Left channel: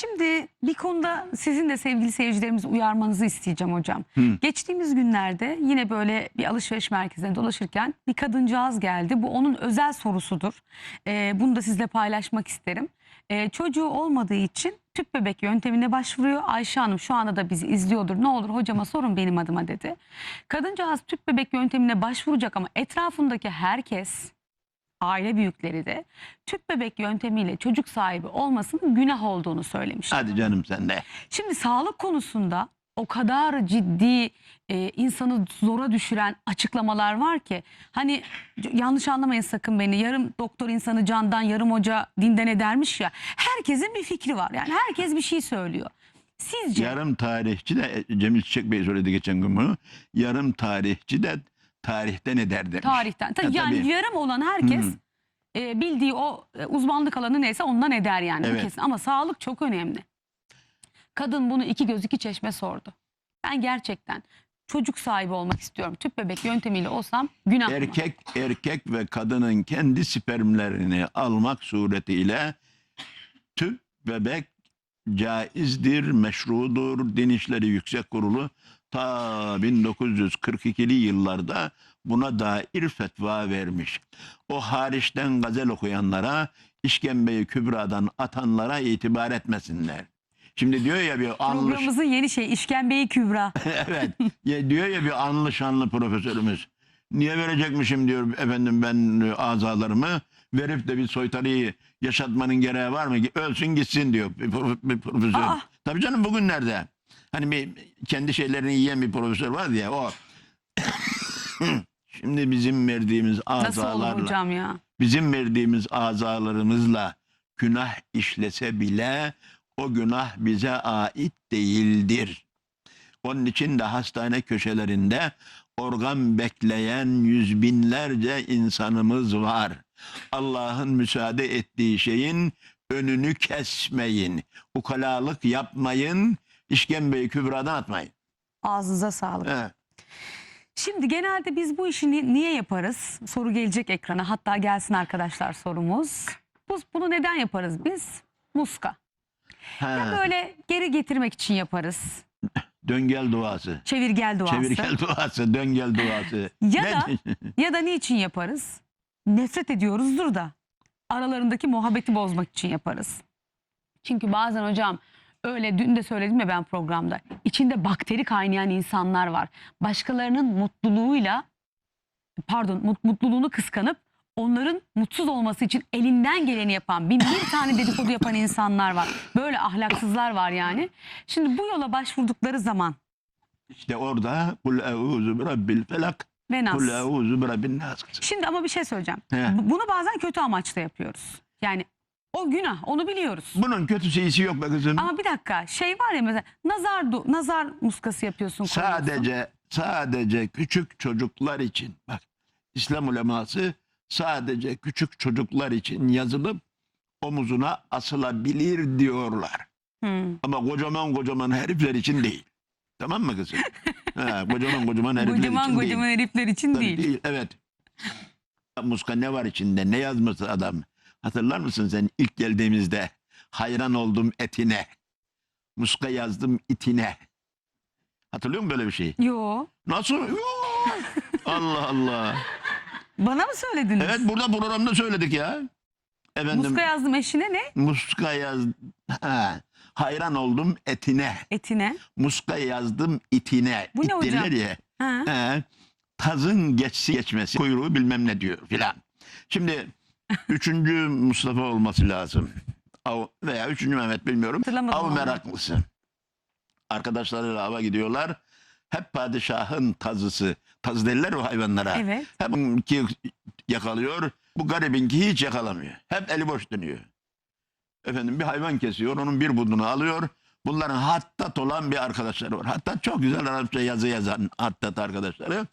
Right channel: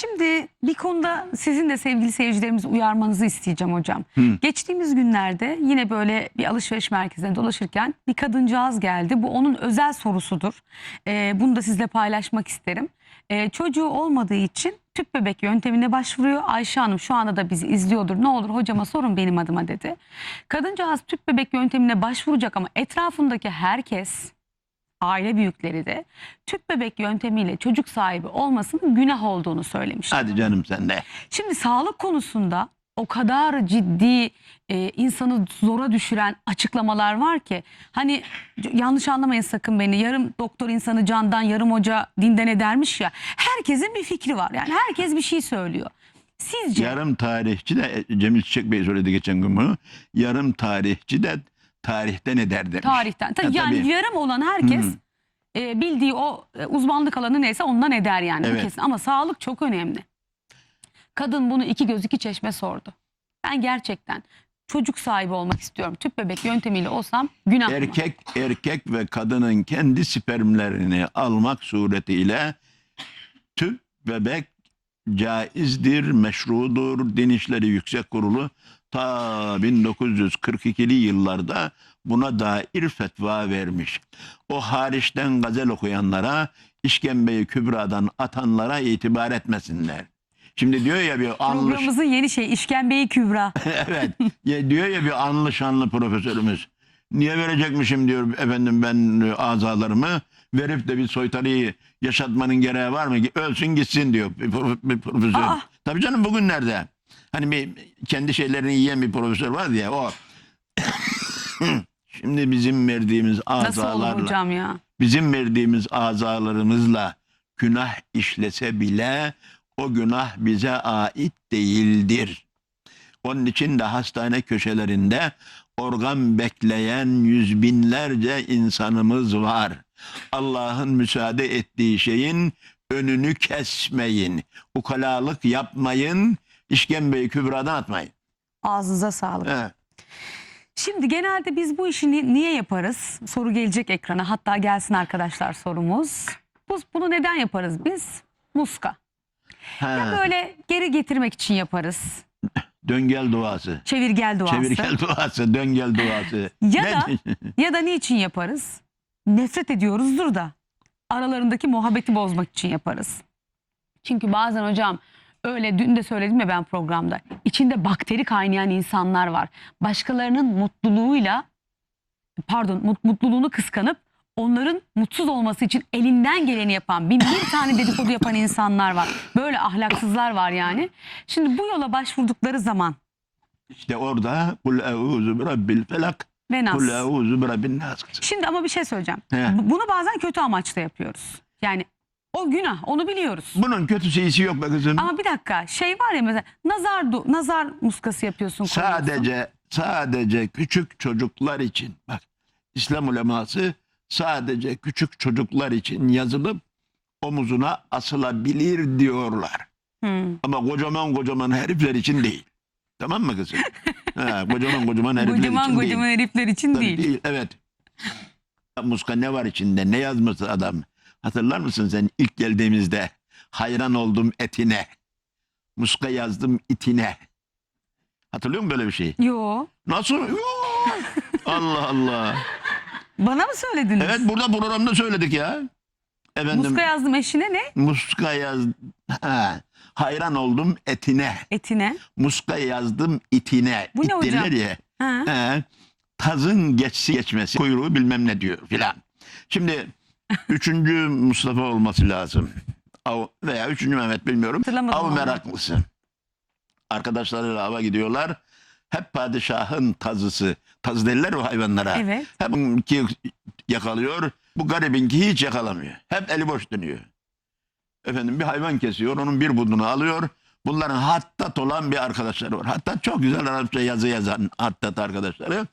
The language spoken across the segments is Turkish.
Şimdi bir konuda sizin de sevgili seyircilerimizi uyarmanızı isteyeceğim hocam. Hı. Geçtiğimiz günlerde yine böyle bir alışveriş merkezinde dolaşırken bir kadıncağız geldi. Bu onun özel sorusudur. Ee, bunu da sizle paylaşmak isterim. Ee, çocuğu olmadığı için tüp bebek yöntemine başvuruyor. Ayşe Hanım şu anda da bizi izliyordur. Ne olur hocama sorun benim adıma dedi. Kadıncağız tüp bebek yöntemine başvuracak ama etrafındaki herkes aile büyükleri de tüp bebek yöntemiyle çocuk sahibi olmasının günah olduğunu söylemiş. Hadi canım sen de. Şimdi sağlık konusunda o kadar ciddi e, insanı zora düşüren açıklamalar var ki hani yanlış anlamayın sakın beni yarım doktor insanı candan yarım hoca dinden edermiş ya herkesin bir fikri var yani herkes bir şey söylüyor. Sizce Yarım tarihçi de e, Cemil Çiçek Bey söyledi geçen gün bunu. Yarım tarihçi de tarihten eder demiş. tarihten tabii yani tabii. yarım olan herkes Hı. e, bildiği o e, uzmanlık alanı neyse ondan eder yani Evet. kesin ama sağlık çok önemli. Kadın bunu iki göz iki çeşme sordu. Ben gerçekten çocuk sahibi olmak istiyorum. Tüp bebek yöntemiyle olsam günah mı? Erkek erkek ve kadının kendi spermlerini almak suretiyle tüp bebek caizdir, meşrudur. Din İşleri Yüksek Kurulu ta 1942'li yıllarda buna dair fetva vermiş. O hariçten gazel okuyanlara, işkembeyi kübradan atanlara itibar etmesinler. Şimdi diyor ya bir anlış Programımızın yeni şey işkembeyi kübra. evet. Ya diyor ya bir anlı şanlı profesörümüz. Niye verecekmişim diyor efendim ben azalarımı verip de bir soytarıyı yaşatmanın gereği var mı? Ölsün gitsin diyor bir profesör. Aa. Tabii canım bugünlerde. Hani bir kendi şeylerini yiyen bir profesör var ya o. Şimdi bizim verdiğimiz Nasıl olur azalarla hocam ya? bizim verdiğimiz azalarımızla günah işlese bile o günah bize ait değildir. Onun için de hastane köşelerinde organ bekleyen yüz binlerce insanımız var. Allah'ın müsaade ettiği şeyin önünü kesmeyin. Ukalalık yapmayın. İşkembeyi kübradan atmayın. Ağzınıza sağlık. He. Şimdi genelde biz bu işi ni- niye yaparız? Soru gelecek ekrana. Hatta gelsin arkadaşlar sorumuz. Bu, bunu neden yaparız biz? Muska. Ya böyle geri getirmek için yaparız. Döngel duası. Çevirgel duası. Çevirgel duası, döngel duası. Ya da ya da niçin yaparız? Nefret ediyoruzdur da aralarındaki muhabbeti bozmak için yaparız. Çünkü bazen hocam öyle dün de söyledim ya ben programda. içinde bakteri kaynayan insanlar var. Başkalarının mutluluğuyla pardon mut- mutluluğunu kıskanıp onların mutsuz olması için elinden geleni yapan bin bir tane dedikodu yapan insanlar var. Böyle ahlaksızlar var yani. Şimdi bu yola başvurdukları zaman İşte orada kul euzu bi rabbil felak ve nas. kul euzu bi rabbin nas. Şimdi ama bir şey söyleyeceğim. He. Bu- Bunu bazen kötü amaçla yapıyoruz. Yani o günah onu biliyoruz. Bunun kötü şeysi yok be kızım. Ama bir dakika şey var ya mesela nazar du- nazar muskası yapıyorsun. koyuyorsun. Sadece sadece küçük çocuklar için bak İslam uleması sadece küçük çocuklar için yazılıp omuzuna asılabilir diyorlar. Hmm. Ama kocaman kocaman herifler için değil. Tamam mı kızım? ha, kocaman kocaman herifler Kocaman için kocaman değil. herifler için Tabii değil. Evet. Muska ne var içinde? Ne yazması adam? Hatırlar mısın sen ilk geldiğimizde? Hayran oldum etine. Muska yazdım itine. Hatırlıyor musun böyle bir şey? Yo. Nasıl? Yoo! Allah Allah. Bana mı söylediniz? Evet burada programda söyledik ya. Efendim Muska yazdım eşine ne? muska yaz ha, hayran oldum etine. Etine. Muska yazdım itine. Bu ne hocam? ya. Ha. He, tazın geçsi geçmesi kuyruğu bilmem ne diyor filan. Şimdi üçüncü Mustafa olması lazım. Av, veya üçüncü Mehmet bilmiyorum. Av meraklısı. Arkadaşlarıyla ava gidiyorlar. Hep padişahın tazısı. Taz derler o hayvanlara. Evet. Hep ki yakalıyor. Bu garibinki hiç yakalamıyor. Hep eli boş dönüyor. Efendim bir hayvan kesiyor. Onun bir budunu alıyor. Bunların hattat olan bir arkadaşları var. Hatta çok güzel Arapça yazı yazan hattat arkadaşları.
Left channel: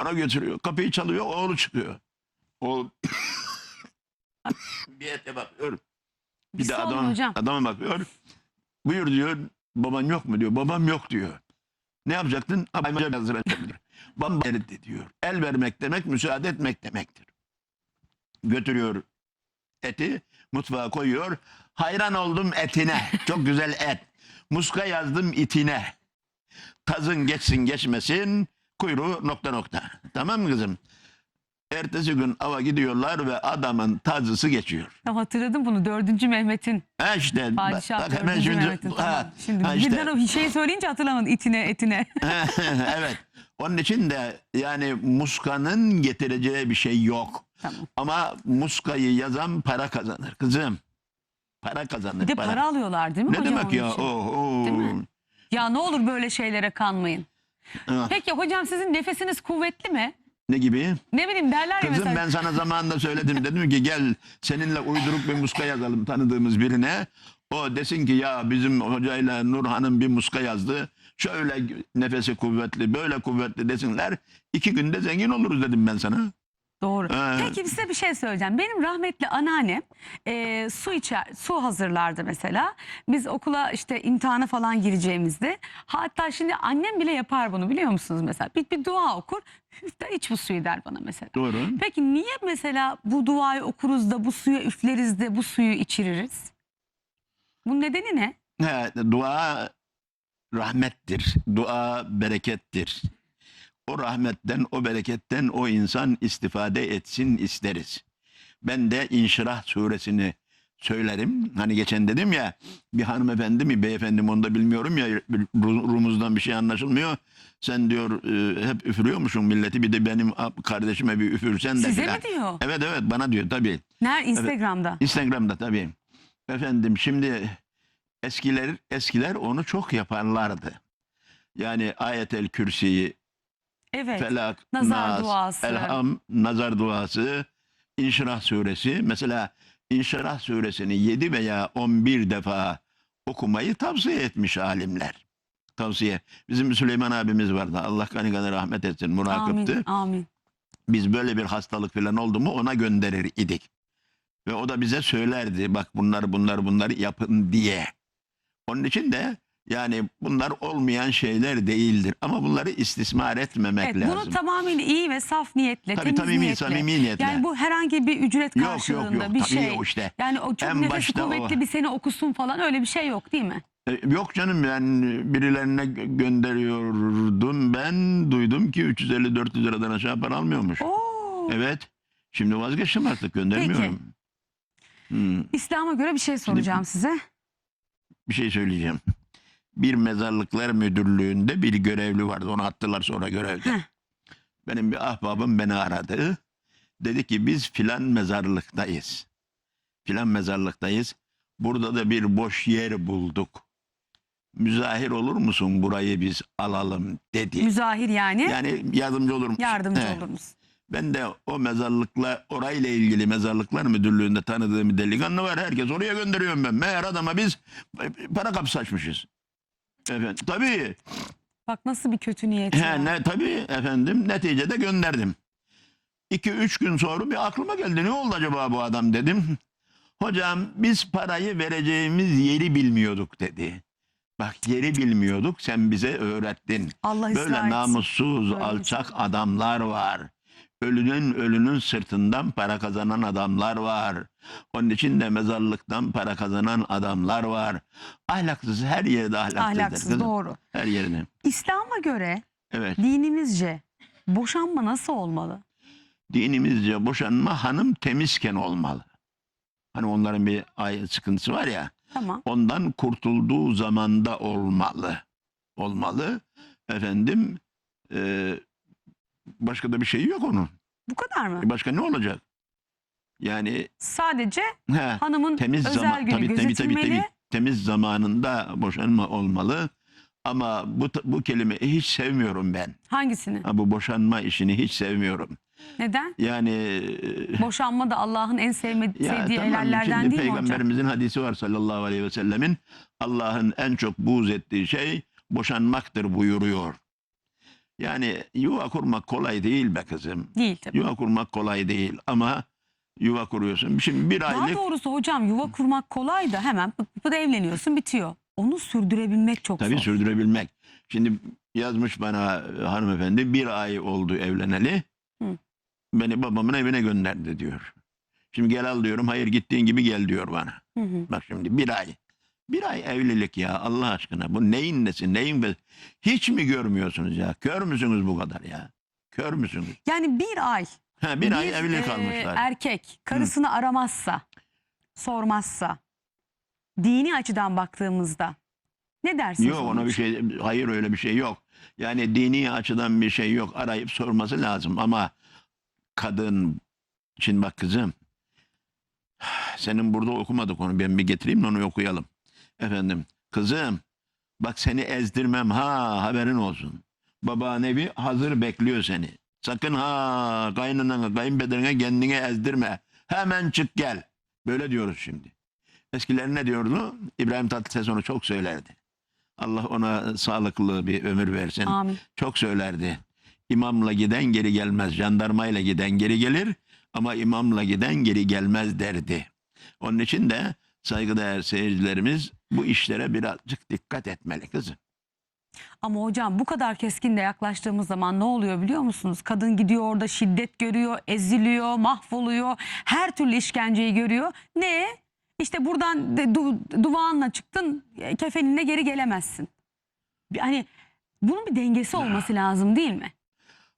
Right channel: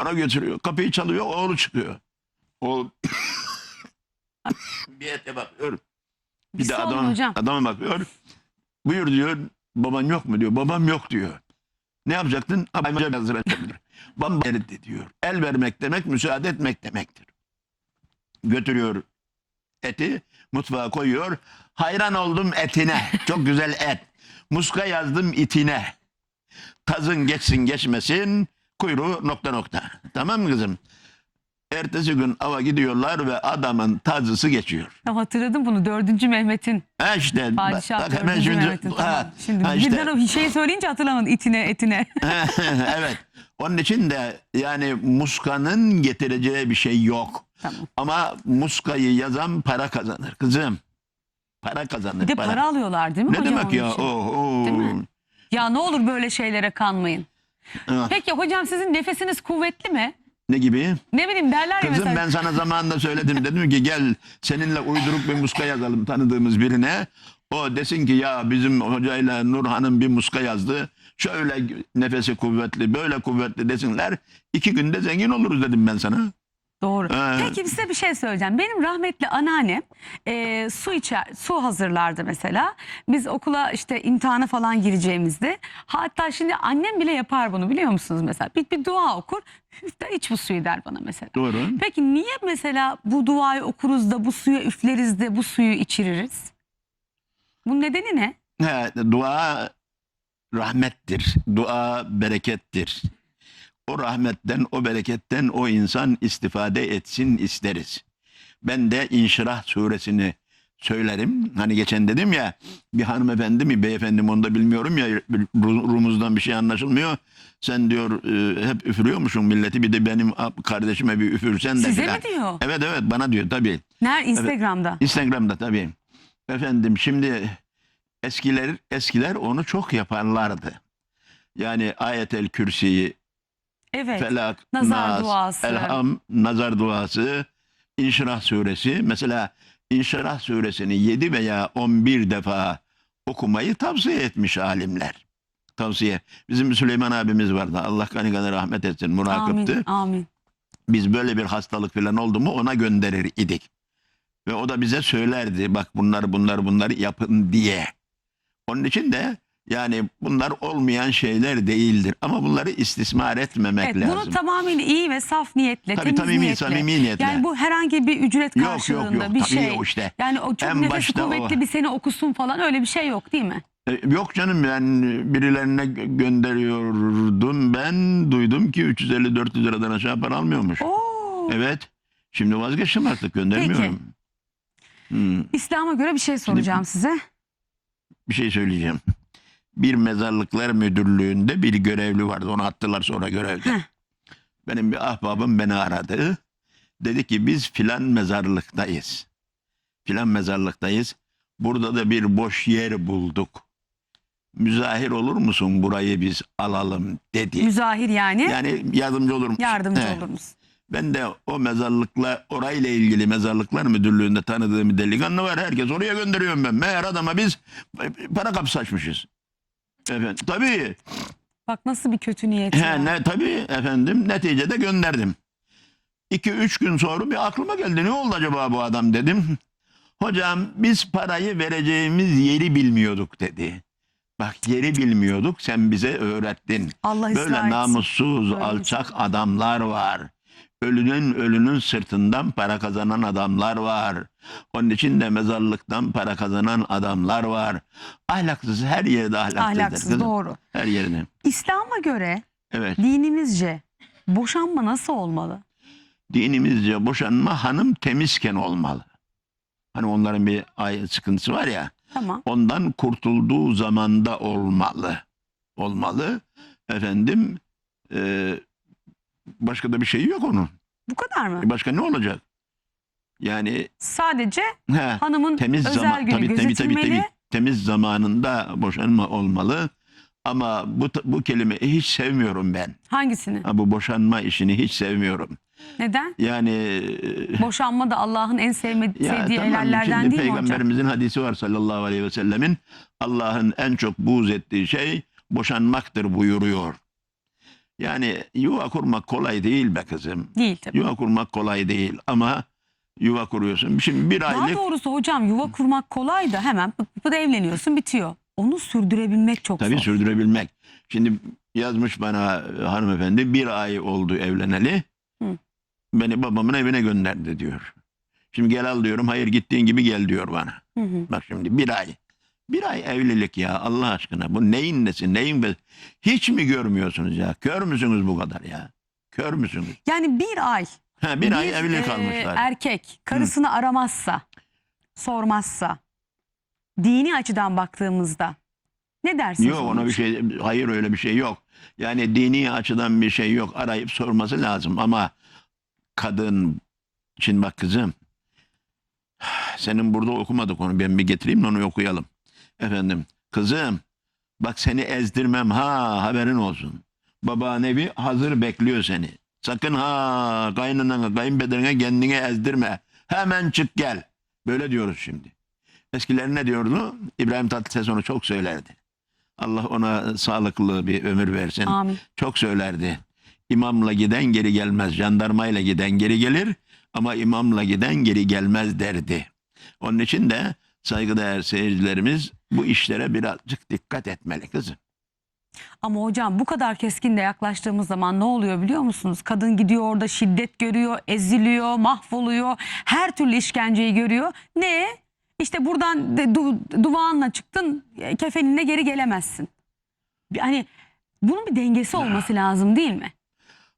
Ona götürüyor. Kapıyı çalıyor. Oğlu çıkıyor. Oğul bir ete bakıyor. Bir Bir de adam, hocam. adama bakıyor. Buyur diyor. Baban yok mu diyor. Babam yok diyor. Ne yapacaktın? Hayvan hazır edebilir. Babam verdi diyor. El vermek demek müsaade etmek demektir. Götürüyor eti mutfağa koyuyor. Hayran oldum etine. Çok güzel et. Muska yazdım itine. Tazın geçsin geçmesin. Kuyruğu nokta nokta. Tamam mı kızım? Ertesi gün ava gidiyorlar ve adamın tazısı geçiyor. Ya hatırladım bunu. Dördüncü Mehmet'in. Ha işte. Padişah bak hemen şimdi- Mehmet'in. ha. Şimdi ha birden işte. o şeyi söyleyince hatırlamadım. İtine etine. evet. Onun için de yani muskanın getireceği bir şey yok. tamam. Ama muskayı yazan para kazanır kızım. Para kazanır. Bir de para alıyorlar değil mi Ne hocam demek ya? Oh, oh. Değil mi? Ya ne olur böyle şeylere kanmayın. Ah, Peki hocam sizin nefesiniz kuvvetli mi? Ne gibi? Ne bileyim derler ya Kızım mesela. ben sana zamanında söyledim. Dedim ki gel seninle uyduruk bir muska yazalım tanıdığımız birine. O desin ki ya bizim hocayla Nurhan'ın bir muska yazdı. Şöyle nefesi kuvvetli, böyle kuvvetli desinler. İki günde zengin oluruz dedim ben sana. Doğru. Ee, Peki size bir şey söyleyeceğim. Benim rahmetli anneannem e, su içer, su hazırlardı mesela. Biz okula işte imtihana falan gireceğimizde. Hatta şimdi annem bile yapar bunu biliyor musunuz mesela? Bir, bir dua okur. İşte iç bu suyu der bana mesela. Doğru. Peki niye mesela bu duayı okuruz da bu suya üfleriz de bu suyu içiririz? Bu nedeni ne? He, dua rahmettir. Dua berekettir. O rahmetten, o bereketten o insan istifade etsin isteriz. Ben de İnşirah suresini söylerim. Hani geçen dedim ya bir hanımefendi mi beyefendi mi onu da bilmiyorum ya Ru- Rumuzdan bir şey anlaşılmıyor. Sen diyor e, hep üfürüyormuşsun milleti bir de benim kardeşime bir üfürsen de Size filan. mi diyor? Evet evet bana diyor tabii. Nerede? Instagram'da. Instagram'da tabii. Efendim şimdi eskiler eskiler onu çok yaparlardı. Yani ayetel kürsiyi, Evet. felak, Nazar nas, duası. elham, nazar duası, inşirah suresi. Mesela inşirah suresini 7 veya 11 defa okumayı tavsiye etmiş alimler. Tavsiye. Bizim Süleyman abimiz vardı. Allah kanı kanı rahmet etsin. Murakıptı. Amin. Amin. Biz böyle bir hastalık falan oldu mu ona gönderir idik. Ve o da bize söylerdi bak bunlar bunlar bunları yapın diye. Onun için de yani bunlar olmayan şeyler değildir. Ama bunları istismar etmemek Evet, lazım. bunu tamamıyla iyi ve saf niyetle, Tabii temiz samimi, niyetle. samimi niyetle. Yani bu herhangi bir ücret yok karşılığında yok yok bir tabii şey. o işte. Yani o çok En nefesi başta o. kuvvetli bir seni okusun falan öyle bir şey yok değil mi? E, yok canım ben birilerine gö- gönderiyordum. Ben duydum ki 350-400 liradan aşağı para almıyormuş. Oo. Evet. Şimdi vazgeçtim artık göndermiyorum. Hmm. İslam'a göre bir şey soracağım size. bir şey söyleyeceğim. Bir mezarlıklar müdürlüğünde bir görevli vardı. Onu attılar sonra görevden. Heh. Benim bir ahbabım beni aradı. Dedi ki biz filan mezarlıktayız. Filan mezarlıktayız. Burada da bir boş yer bulduk. Müzahir olur musun burayı biz alalım dedi. Müzahir yani Yani yardımcı olur musun? yardımcı Evet. olur musun? Ben de o mezarlıkla orayla ilgili mezarlıklar müdürlüğünde tanıdığım bir delikanlı var. Herkes oraya gönderiyorum ben. Meğer adama biz para kapısı açmışız. Efendim, tabii. Bak nasıl bir kötü niyet. ya. He, ne, tabii efendim. Neticede gönderdim. İki üç gün sonra bir aklıma geldi. Ne oldu acaba bu adam dedim. Hocam biz parayı vereceğimiz yeri bilmiyorduk dedi. Bak yeri bilmiyorduk sen bize öğrettin. Allah Böyle etsin. namussuz, Böyle alçak adamlar var. Ölünün ölünün sırtından para kazanan adamlar var. Onun için de mezarlıktan para kazanan adamlar var. Ahlaksız her yerde ahlaksızdır. Ahlaksız kızım. doğru. Her yerde. İslam'a göre Evet. dinimizce boşanma nasıl olmalı? Dinimizce boşanma hanım temizken olmalı. Hani onların bir ay sıkıntısı var ya. Tamam. Ondan kurtulduğu zamanda olmalı. Olmalı. Efendim e, başka da bir şey yok onun. Bu kadar mı? E Başka ne olacak? Yani Sadece he, hanımın temiz özel zaman günü tabii, tabii, tabii, gözetilmeli. tabii, temiz zamanında boşanma olmalı. Ama bu bu kelimeyi hiç sevmiyorum ben. Hangisini? Ha, bu boşanma işini hiç sevmiyorum. Neden? Yani e, Boşanma da Allah'ın en sevmediği, Ya sevdiği tamam, helallerden şimdi değil mi hocam? Peygamberimizin hadisi var sallallahu aleyhi ve sellemin. Allah'ın en çok buğz ettiği şey boşanmaktır buyuruyor. Yani yuva kurmak kolay değil be kızım. Değil tabii. Yuva kurmak kolay değil ama yuva kuruyorsun. Şimdi bir Daha aylık doğrusu hocam yuva kurmak kolay da hemen pıt pıt evleniyorsun bitiyor. Onu sürdürebilmek çok tabii zor. sürdürebilmek. Şimdi yazmış bana e, hanımefendi bir ay oldu evleneli. Hı. Beni babamın evine gönderdi diyor. Şimdi gel al diyorum. Hayır gittiğin gibi gel diyor bana. Hı hı. Bak şimdi bir ay. Bir ay evlilik ya Allah aşkına. Bu neyin nesi neyin be? Hiç mi görmüyorsunuz ya? Kör müsünüz bu kadar ya? Kör müsünüz? Yani bir ay Ha, bir, ay bir, evli e, kalmışlar. erkek karısını aramazsa, sormazsa, dini açıdan baktığımızda ne dersiniz? Yok ona bir şey hayır öyle bir şey yok. Yani dini açıdan bir şey yok. Arayıp sorması lazım ama kadın şimdi bak kızım senin burada okumadık onu ben bir getireyim de onu okuyalım. Efendim kızım bak seni ezdirmem ha haberin olsun. Babaannevi hazır bekliyor seni. Sakın ha kaynanana kayınbederine kendini ezdirme. Hemen çık gel. Böyle diyoruz şimdi. Eskiler ne diyordu? İbrahim Tatlıses onu çok söylerdi. Allah ona sağlıklı bir ömür versin. Amin. Çok söylerdi. İmamla giden geri gelmez. Jandarmayla giden geri gelir ama imamla giden geri gelmez derdi. Onun için de saygıdeğer seyircilerimiz bu işlere birazcık dikkat etmeli kızım. Ama hocam bu kadar keskin de yaklaştığımız zaman ne oluyor biliyor musunuz? Kadın gidiyor orada şiddet görüyor, eziliyor, mahvoluyor. Her türlü işkenceyi görüyor. Ne? İşte buradan de, du, duvağınla çıktın, e, kefeninle geri gelemezsin. Bir- Hani bunun bir dengesi olması lazım değil mi?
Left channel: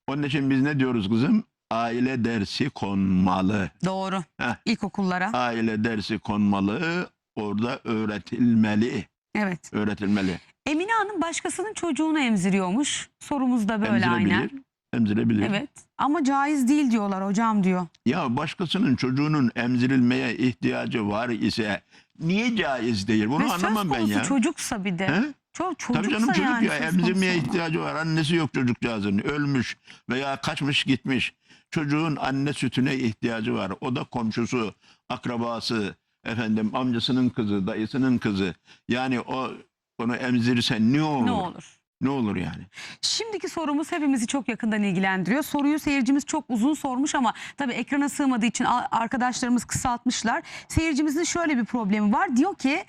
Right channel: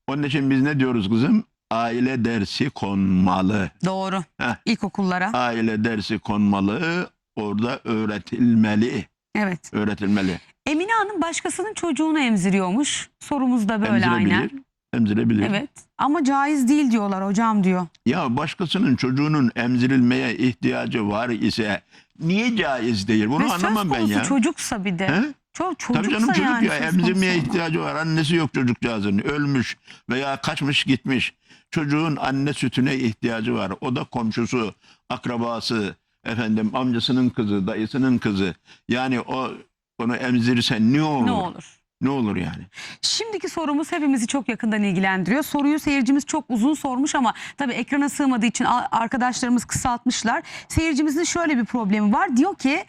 Onun için biz ne diyoruz kızım? Aile dersi konmalı. Doğru. Heh. İlkokullara. Aile dersi konmalı. Orada öğretilmeli. Evet. Öğretilmeli. Emine Hanım başkasının çocuğunu emziriyormuş. Sorumuz da böyle aynen. Emzirebilir. Emzirebilir. Evet. Ama caiz değil diyorlar hocam diyor. Ya başkasının çocuğunun emzirilmeye ihtiyacı var ise niye caiz değil? Bunu Ve söz anlamam ben konusu ya. çocuksa bir de. He? Çok Tabii çocuksa canım çocuk yani ya söz emzirmeye ihtiyacı var. Annesi yok çocukcağızın. Ölmüş veya kaçmış gitmiş. Çocuğun anne sütüne ihtiyacı var. O da komşusu, akrabası, efendim amcasının kızı, dayısının kızı. Yani o onu emzirirse ne olur? Ne olur? Ne olur yani? Şimdiki sorumuz hepimizi çok yakından ilgilendiriyor. Soruyu seyircimiz çok uzun sormuş ama tabii ekrana sığmadığı için arkadaşlarımız kısaltmışlar. Seyircimizin şöyle bir problemi var. Diyor ki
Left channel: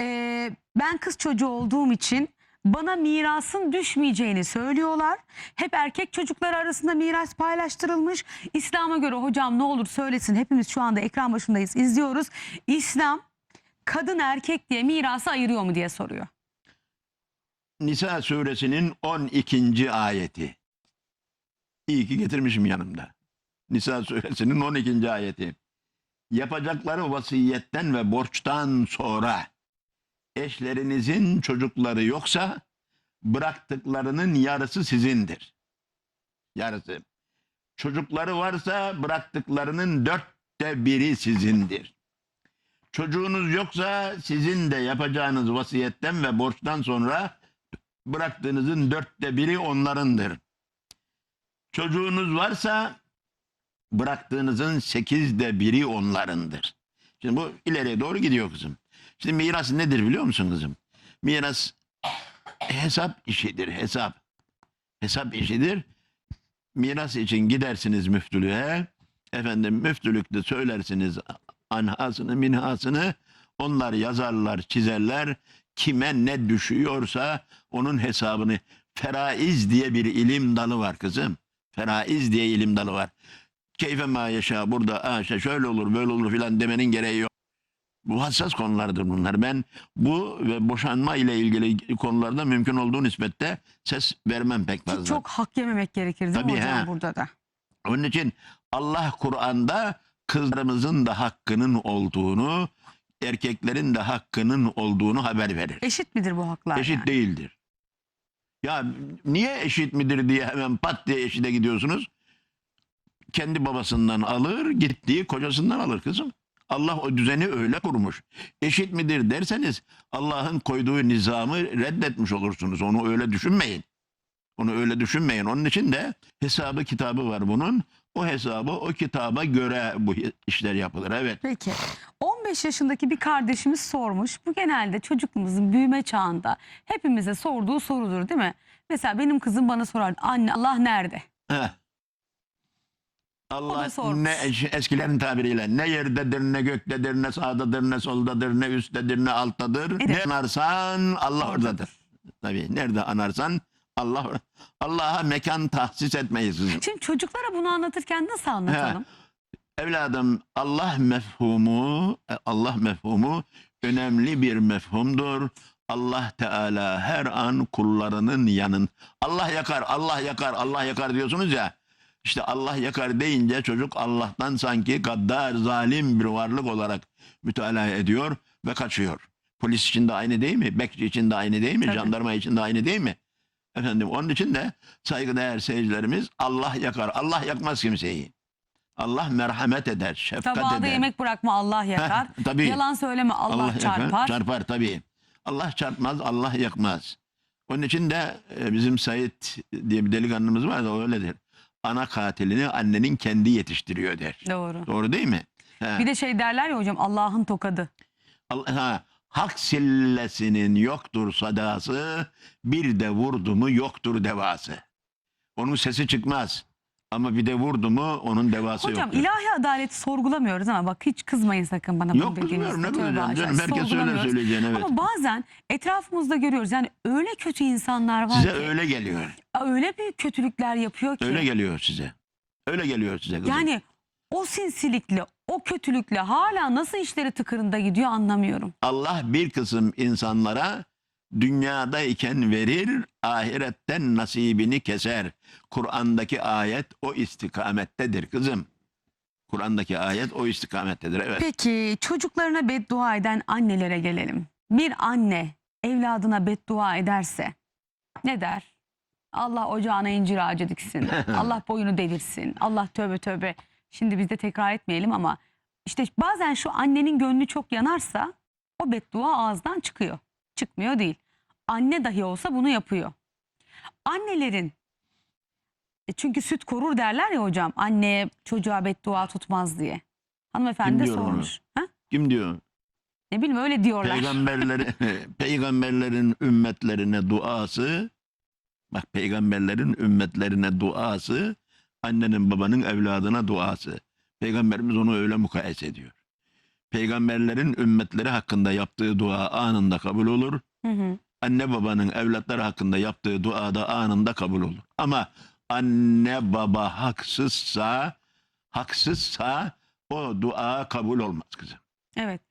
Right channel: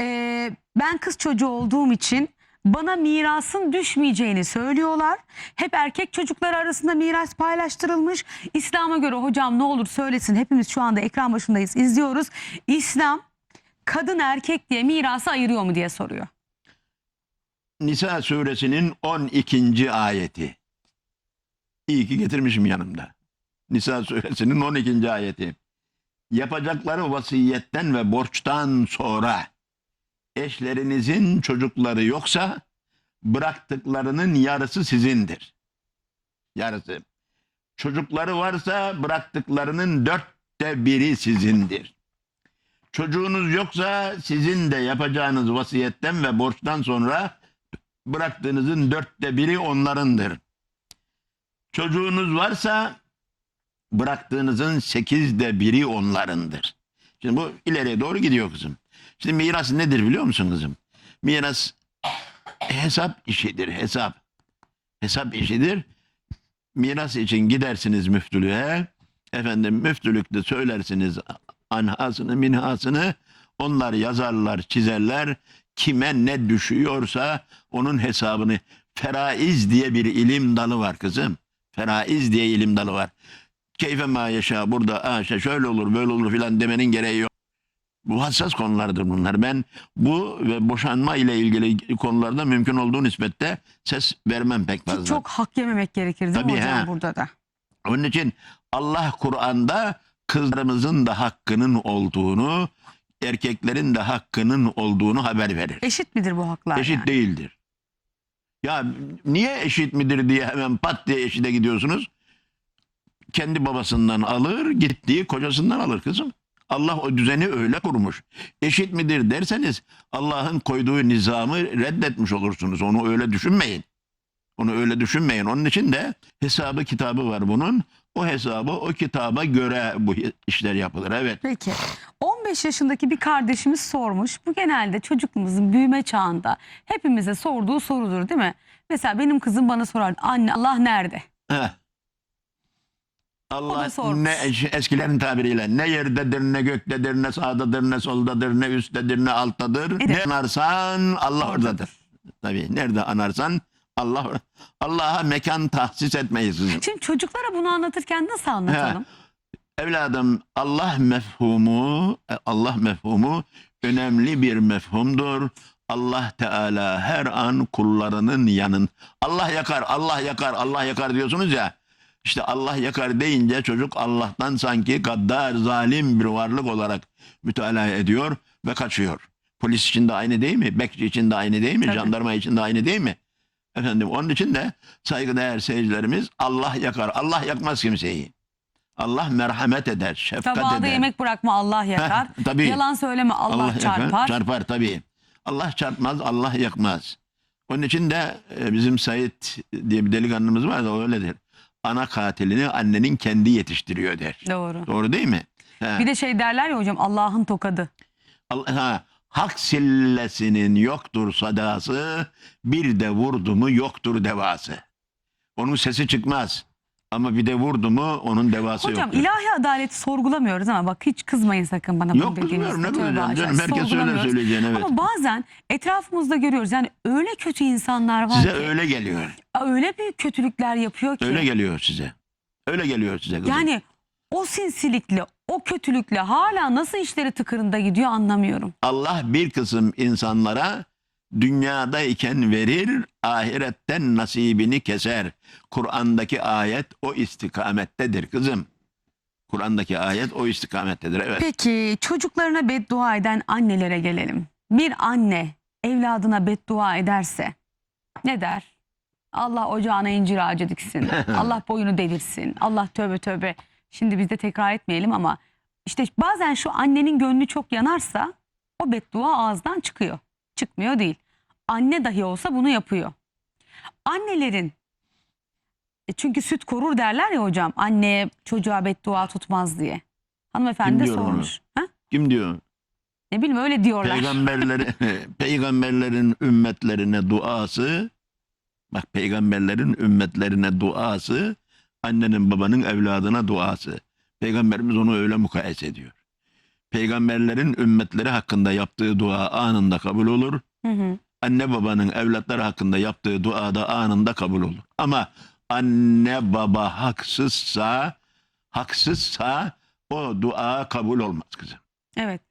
e, ben kız çocuğu olduğum için bana mirasın düşmeyeceğini söylüyorlar. Hep erkek çocuklar arasında miras paylaştırılmış. İslam'a göre hocam ne olur söylesin. Hepimiz şu anda ekran başındayız izliyoruz. İslam kadın erkek diye mirası ayırıyor mu diye soruyor. Nisa suresinin 12. ayeti. İyi ki getirmişim yanımda. Nisa suresinin 12. ayeti. Yapacakları vasiyetten ve borçtan sonra eşlerinizin çocukları yoksa bıraktıklarının yarısı sizindir. Yarısı. Çocukları varsa bıraktıklarının dörtte biri sizindir. Çocuğunuz yoksa sizin de yapacağınız vasiyetten ve borçtan sonra bıraktığınızın dörtte biri onlarındır. Çocuğunuz varsa bıraktığınızın sekizde biri onlarındır. Şimdi bu ileriye doğru gidiyor kızım. Şimdi miras nedir biliyor musun kızım? Miras hesap işidir, hesap. Hesap işidir. Miras için gidersiniz müftülüğe. Efendim müftülükte söylersiniz anhasını, minhasını. Onlar yazarlar, çizerler. Kime ne düşüyorsa onun hesabını. Feraiz diye bir ilim dalı var kızım. Feraiz diye ilim dalı var. Keyfe ma yaşa burada "Aa, işte şöyle olur böyle olur filan demenin gereği yok. Bu hassas konulardır bunlar. Ben bu ve boşanma ile ilgili konularda mümkün olduğu nispette ses vermem pek Ki fazla. çok hak yememek gerekir değil Tabii, mi hocam he. burada da? Onun için Allah Kur'an'da kızlarımızın da hakkının olduğunu, erkeklerin de hakkının olduğunu haber verir. Eşit midir bu haklar? Eşit yani? değildir. Ya niye eşit midir diye hemen pat diye eşite gidiyorsunuz. Kendi babasından alır, gittiği kocasından alır kızım. Allah o düzeni öyle kurmuş. Eşit midir derseniz Allah'ın koyduğu nizamı reddetmiş olursunuz. Onu öyle düşünmeyin. Onu öyle düşünmeyin. Onun için de hesabı kitabı var bunun. O hesabı o kitaba göre bu işler yapılır. Evet. Peki 15 yaşındaki bir kardeşimiz sormuş. Bu genelde çocukluğumuzun büyüme çağında hepimize sorduğu sorudur değil mi? Mesela benim kızım bana sorar anne Allah nerede? Heh. Allah ne eskilerin tabiriyle ne yerdedir ne göktedir ne sağdadır ne soldadır ne üsttedir ne alttadır. Evet. Ne anarsan Allah oradadır. Tabii nerede anarsan Allah Allah'a mekan tahsis etmeyiz. Şimdi çocuklara bunu anlatırken nasıl anlatalım? Evladım Allah mefhumu, e, Allah mefhumu önemli bir mefhumdur. Allah Teala her an kullarının yanın. Allah yakar, Allah yakar, Allah yakar diyorsunuz ya. İşte Allah yakar deyince çocuk Allah'tan sanki gaddar, zalim bir varlık olarak mütalaa ediyor ve kaçıyor. Polis için de aynı değil mi? Bekçi için de aynı değil mi? Tabii. Jandarma için de aynı değil mi? Efendim onun için de saygıdeğer seyircilerimiz Allah yakar. Allah yakmaz kimseyi. Allah merhamet eder, şefkat Tabağda eder. yemek bırakma Allah yakar. Heh, tabii. Yalan söyleme Allah, yakar, çarpar. Çarpar tabii. Allah çarpmaz, Allah yakmaz. Onun için de e, bizim Sait diye bir delikanlımız var da öyledir. Ana katilini annenin kendi yetiştiriyor der. Doğru. Doğru değil mi? He. Bir de şey derler ya hocam Allah'ın tokadı. Allah, ha, hak sillesinin yoktur sadası, bir de vurdu mu yoktur devası. Onun sesi çıkmaz. Ama bir de vurdu mu onun devası Hocam yoktur. ilahi adaleti sorgulamıyor ama bak hiç kızmayın sakın bana. Yok dediğinizde. kızmıyorum ne Tövbe kızacağım canım. Herkes söyler sorgulamıyoruz. söyleyeceğini evet. Ama bazen etrafımızda görüyoruz yani öyle kötü insanlar var Size ki. öyle geliyor. Öyle büyük kötülükler yapıyor ki. Öyle geliyor size. Öyle geliyor size kızım. Yani o sinsilikle, o kötülükle hala nasıl işleri tıkırında gidiyor anlamıyorum. Allah bir kısım insanlara dünyadayken verir, ahiretten nasibini keser. Kur'an'daki ayet o istikamettedir kızım. Kur'an'daki ayet o istikamettedir. Evet. Peki çocuklarına beddua eden annelere gelelim. Bir anne evladına beddua ederse ne der? Allah ocağına incir ağacı diksin. Allah boyunu devirsin. Allah tövbe tövbe. Şimdi biz de tekrar etmeyelim ama işte bazen şu annenin gönlü çok yanarsa o beddua ağızdan çıkıyor. Çıkmıyor değil. Anne dahi olsa bunu yapıyor. Annelerin e çünkü süt korur derler ya hocam. Anneye çocuğa beddua tutmaz diye. Hanımefendi de onu? sormuş. Ha? Kim diyor? Ne bileyim öyle diyorlar. Peygamberleri, peygamberlerin ümmetlerine duası, bak peygamberlerin ümmetlerine duası, annenin babanın evladına duası. Peygamberimiz onu öyle mukayese ediyor. Peygamberlerin ümmetleri hakkında yaptığı dua anında kabul olur. Hı hı. Anne babanın evlatları hakkında yaptığı dua da anında kabul olur. Ama anne baba haksızsa, haksızsa o dua kabul olmaz kızım. Evet.